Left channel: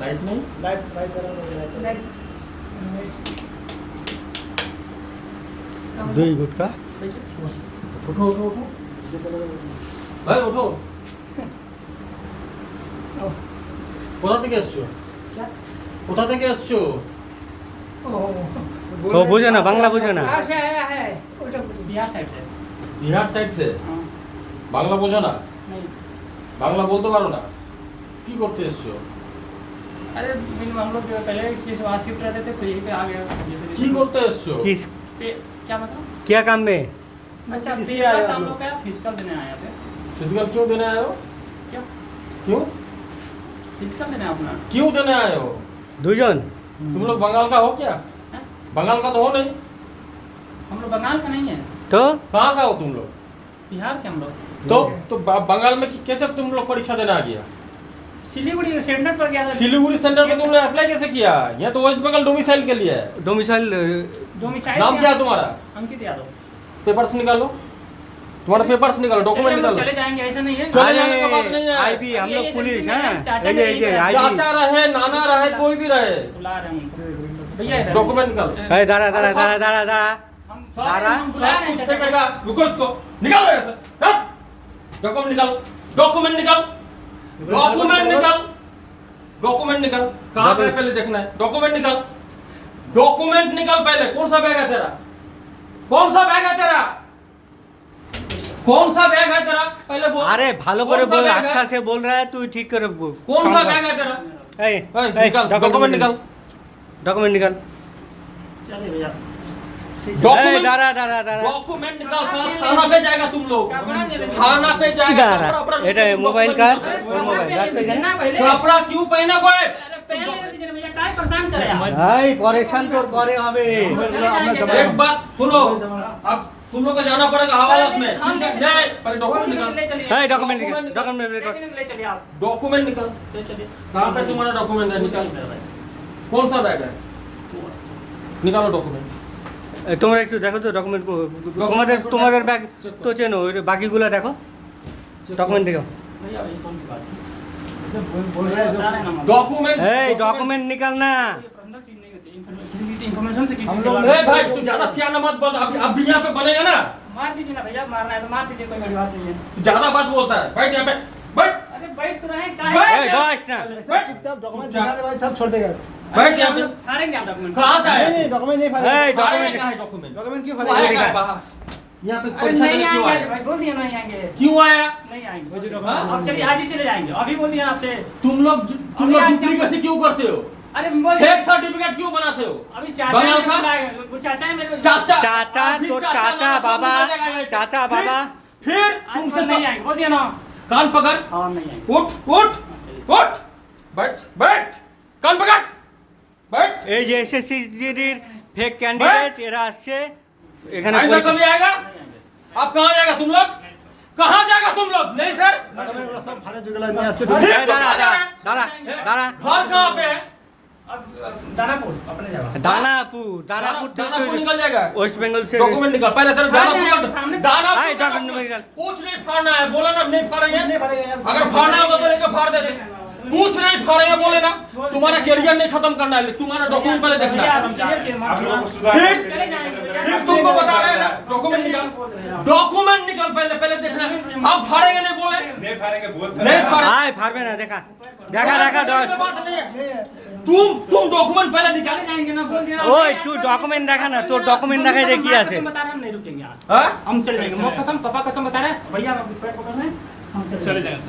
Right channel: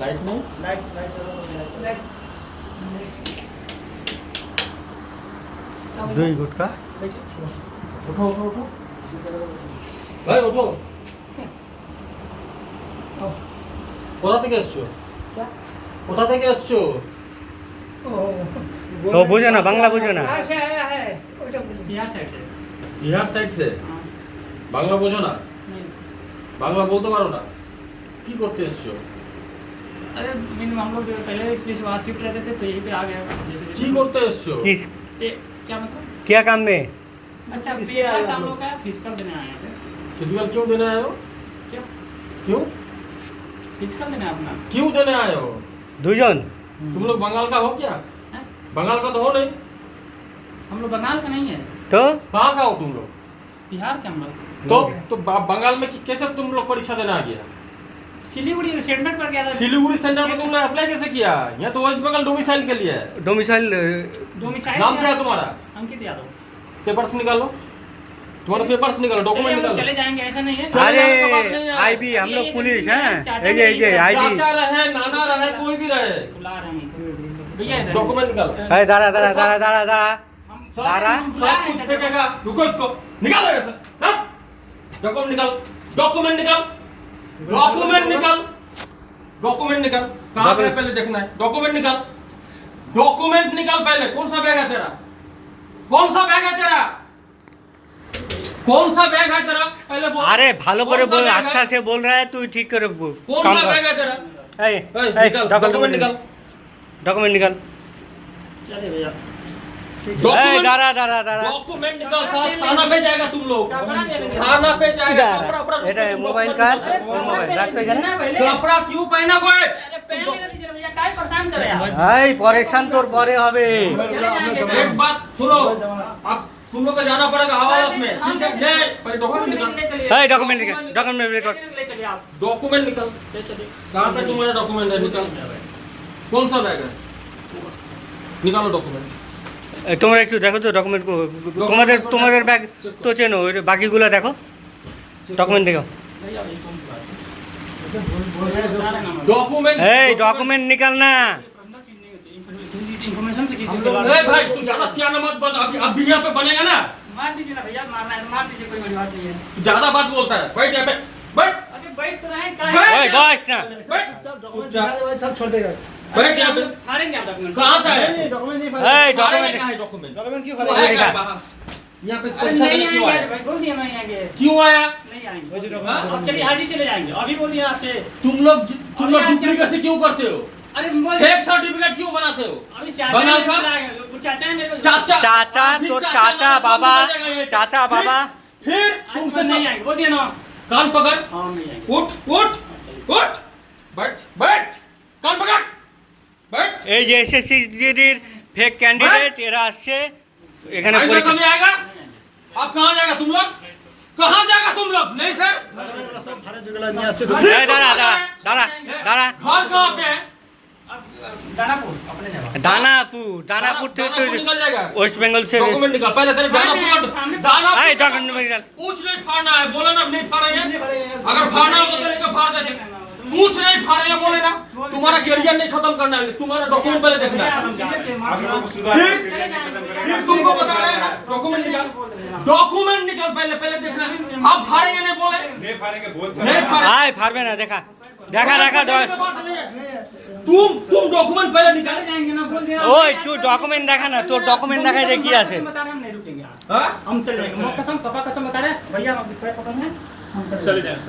Light नहीं, light light चला तो लाइट দুই গুটকা उठो उठो उठो ভাই ওঠো। কোথা থেকে এসছো? কোথা থেকে এসছো? ও বুঝো না, বাংলা বুঝো না। बिहार साइड से বাংলা বোঝো না? বাংলা বলতে পারো না? কি করতে এসছো? अरे हम लोग पहले इस वहाँ शिफ्ट रहते थे तो यहीं पे आ गए কি করতে এসছো? किस क्या मतलब क्या काम में? अच्छा इसलिए आए फिजिकल हम हम लोग। लोग का फिजिकल देने आए थे फिजिकल क्यों देने आए हो? क्या क्यों फिजिकल देने अपना क्यों देने आए हो? দুজন तुम लोग बंगाल का हो क्या? हैं? बंगाल का तो हो नहीं। हम लोग बंगाल का नहीं है তো कहाँ का हो तुम लोग? बिहार के हम लोग तो बंगाल में कैसे तुम लोग परीक्षा देने आ गया? सिलीगुड़ी सेंटर पर गया था सिलीगुड़ी सेंटर में तुमने अप्लाई कैसे किया? यहाँ तो वेस्ट बंगाल डोमिसाइल के लिए है। ডোমিসাইল डोमिसाइल नाम क्या है तुम्हारा? अंकित यादव पेपर्स निकालो, तुम्हारा पेपर्स निकालो, डॉक्यूमेंट चलिए हम लोग निकालो। चले जाएंगे ऐसा नहीं है चले अरे जाने का बात नहीं है। आईबी हम लोग पुलिस हैं, चाचा এই যে आईबी चाचा रहे, नाना रहे, कोई भी रहे, बुला रहे हैं हमको भैया इधर। डॉक्यूमेंट निकालो। এই দাঁড়া দাঁড়া দাঁড়া দাঁড়া दाड़ा हम दाड़ा बुला सब रहे हैं कुछ चाचा को। फेंकेगा, रुको इसको, निकालो यहाँ से, हाँ? डॉक्यूमेंट निकाल, डॉक्यूमेंट निकाल, डॉक्यूमेंट निकाल, डॉक्यूमेंट निकाल। कहाँ गए पहले देखना है, डॉक्यूमेंट निकाल, डॉक्यूमेंट निकाल पहले। कौन सा बैग है तेरा? कौन सा बैग है तेरा? कौन सा बैग है तेरा? पहले बोल। अरे ভালো করে कौन सा बोल, बैग अच्छा है? से बोल रहा है तू, ठीक करे बोल। कौन काम सा कर। बैग है तेरा? এই निकाल, डॉक्यूमेंट निकाल, डॉक्यूमेंट निकाल। चलिए भैया এই डॉक्यूमेंट दाঁড়া दाঁড়ा दाঁড়ा डॉक्यूमेंट निकाल, साला थाना पे जाएगा तुम लोग, कपड़ा दे देंगे। थाना पे जाएगा। দাঁড়া कपड़ा अपना এটা तुम মোবাইল document কার निकालो। ওর মোবাইল রাখতো এখানে। कपड़ा क्यों पहना कोई? अरे पहले नहीं दीजिए भैया काहे परेशान करे आप এই পরেশান তোর পরে হবে। एक बात सुनो, अब तुम लोग को जाना पड़ेगा हवालात में, ठीक है? नहीं, पहले डॉक्यूमेंट निकाल, এই डॉक्यूमेंट निकाल, डॉक्यूमेंट रिकॉर्ड। ले चलिए आप डॉक्यूमेंट निकाल। ले चलिए कहाँ पे तुम्हारा डॉक्यूमेंट है? निकाल। कौन सा बैग है? निकालो डॉक्यूमेंट। তোমরা একটু দেখো তো ডকুমেন্ট, তোমাদের তোমাদের ব্যাগ তো চেনো, ওই বাকিগুলো দেখো, ডকুমেন্ট দেখো। भैया ये कौन सी बात है बोल रहे हैं जो बता रहे हैं हम डॉक्यूमेंट এই डॉक्यूमेंट निकाल ना। प्रबंधक चीज नहीं होती इन्फॉर्मेशन से किसी हम को लोग- ए भाई तू ज्यादा सियाना मत बन, अब भी यहाँ पे बनेगा ना। मार दीजिए ना भैया मारना है तो मार दीजिए कोई बड़ी बात नहीं है तू ज्यादा बात बोलता है, बैठ यहाँ पे, बैठ, अरे बैठ तो रहे बैठ। काहे ওই বস না। बैठ। चुपचाप डॉक्यूमेंट दिखा दे भाई, सब छोड़ देगा। बैठ यहाँ पे। फाड़ेंगे आप डॉक्यूमेंट कहाँ से नहीं है? नहीं डॉक्यूमेंट नहीं এই फाड़ेगा। डॉक्यूमेंट कहाँ है डॉक्यूमेंट? डॉक्यूमेंट क्यों तू फाड़ेगा? आएगा दिखा। बाहर। यहाँ पे अरे परीक्षा नहीं देने क्यों आएंगे आया? भाई बोल दिए नहीं आएंगे क्यों आया? नहीं आएंगे हाँ? अब चलिए आज ही चले जाएंगे अभी बोल दिया आपसे तुम लोग डुप्लीकेसी क्यों करते हो? अरे बोल फेक सर्टिफिकेट क्यों बनाते हो? अभी चाचा बंगाल ने का? बुलाया, वो चाचा है मेरे को चाचा चाचा अभी तो चाचा चाचा का बाबा, सामने जगह है। चाचा बाबा। फिर आज तुमसे नहीं आएंगे बोल दिया ना कान पकड़, हाँ नहीं आएंगे उठ उठ उठ, बैठ बैठ, कान पकड़, बैठ। এই যে এসএসসি জিডির ফেক ক্যান্ডিডেট এরা আসছে এখানে आएगा পরীক্ষা। कभी आएगा? अब कहाँ जाएगा तुम लोग? कहाँ जाएगा तुम लोग? नहीं सर, डॉक्यूमेंट वाला सब फाड़े जुगला नहीं ऐसे এই দাঁড়া দাঁড়া দাঁড়া দাঁড়া। घर कहाँ पे है? अब दानापुर अपने जगह দানাপুর, দানাপুর থেকে তো दानापुर निकल जाएगा। ওয়েস্ট बेंगल से। डॉक्यूमेंट निकाल पहले, तेरे दानापुर का এই दानापुर ডকুমেন্ট निकाल। कुछ नहीं फाड़ना है, बोला ना नहीं फाड़ेंगे। नहीं फाड़ेगा यार। अगर फाड़ना होगा तो लेकर फाड़ देते, कुछ नहीं फाड़ेंगे बोले ना। तुम्हारा करियर नहीं खत्म करना है, तुम्हारा डॉक्यूमेंट पहले देखना है। फिर तुमको बता रहे हैं ना, डॉक्यूमेंट निकाल, डॉक्यूमेंट निकाल पहले, पहले देखना है। हम फाड़ेंगे नहीं बोले, नहीं फाड़ेंगे। আয় পারবে না, দেখা দেখা দেখা। कोई बात नहीं है। तुम डॉक्यूमेंट पहले निकाल। जाएंगे ना बोल दिया ওই তুই ডকুমেন্ট দেখা না, তোর ডকুমেন্ট দেখাই যে কি আছে। बता रहे हम नहीं रुकेंगे आज हाँ? हम चले जाएंगे कसम पापा कसम बता रहे हैं भैया हम पकड़ रहे हैं हम चले जाएंगे